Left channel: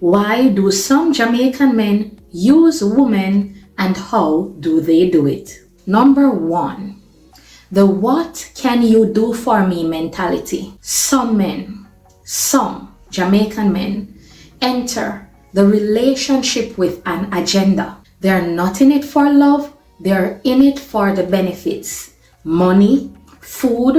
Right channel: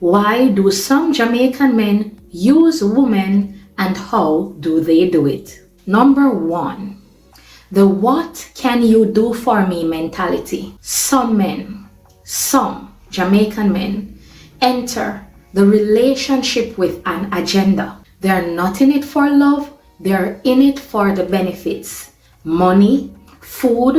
Why do some Jamaican men use women and how do they do it? Number one, the what can you do for me mentality. Some Jamaican men enter the relationship with an agenda. They're not in it for love, they're in it for the benefits. Money, food,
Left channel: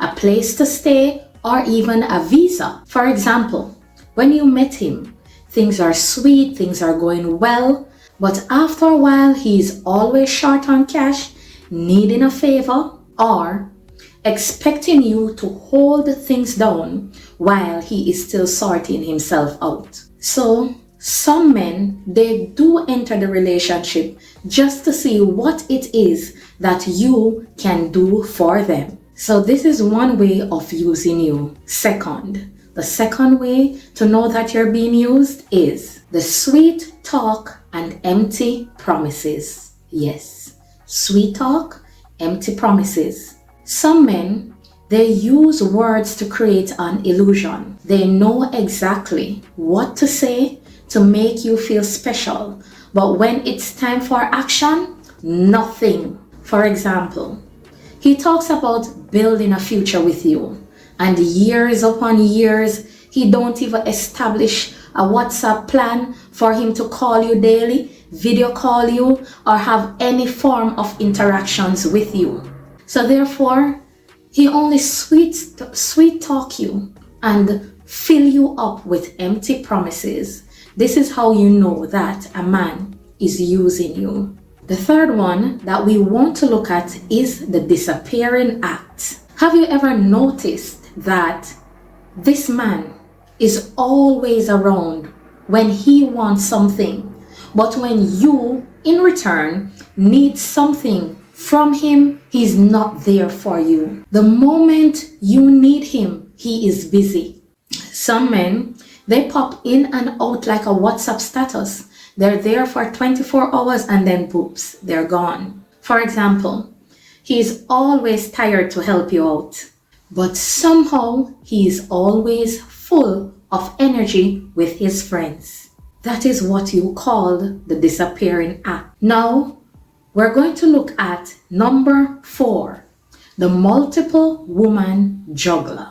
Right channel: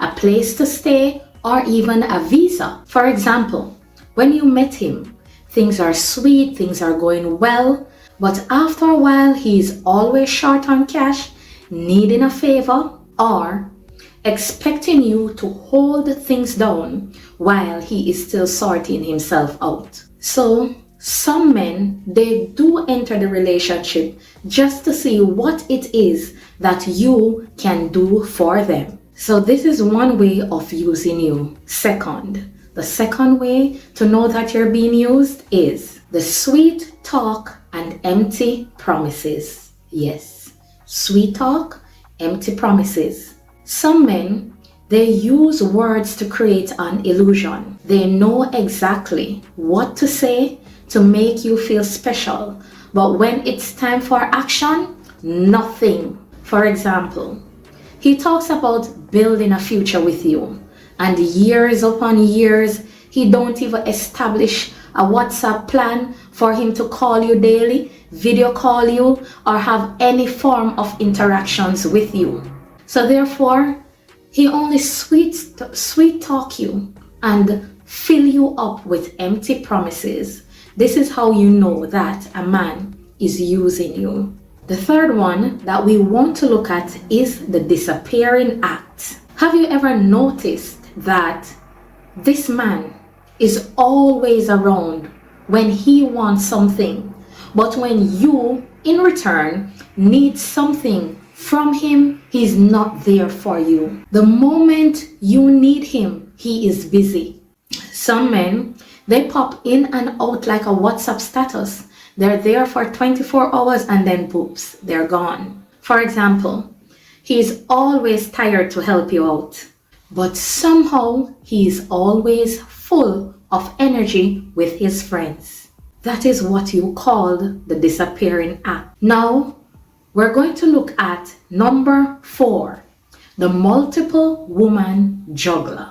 a place to stay, or even a visa. For example, when you met him, things are sweet, things are going well, but after a while, he's always short on cash, needing a favor, or expecting you to hold things down while he is still sorting himself out. So, some men, they do enter the relationship just to see what it is that you can do for them. So this is one way of using you. The second way to know that you're being used is the sweet talk and empty promises. Yes, sweet talk, empty promises. Some men, they use words to create an illusion. They know exactly what to say to make you feel special, but when it's time for action, nothing. For example, he talks about building a future with you, and years upon years, he don't even establish a WhatsApp plan for him to call you daily, video call you, or have any form of interactions with you. So therefore, he only sweet talk you and fill you up with empty promises. This is how you know that a man is using you. The third one that we want to look at is the disappearing act. Have you ever noticed that this man is always around when he wants something, but when you, in return, need something from him, he's not there for you? The moment you need him, he is busy. Some men, they pop in and out like a WhatsApp status. They're there for 24 hours and then poops, they're gone. For example, he's always tired to help you out, but somehow he's always full of energy with his friends. That is what you call the disappearing act. Now, we're going to look at number 4, the multiple woman juggler.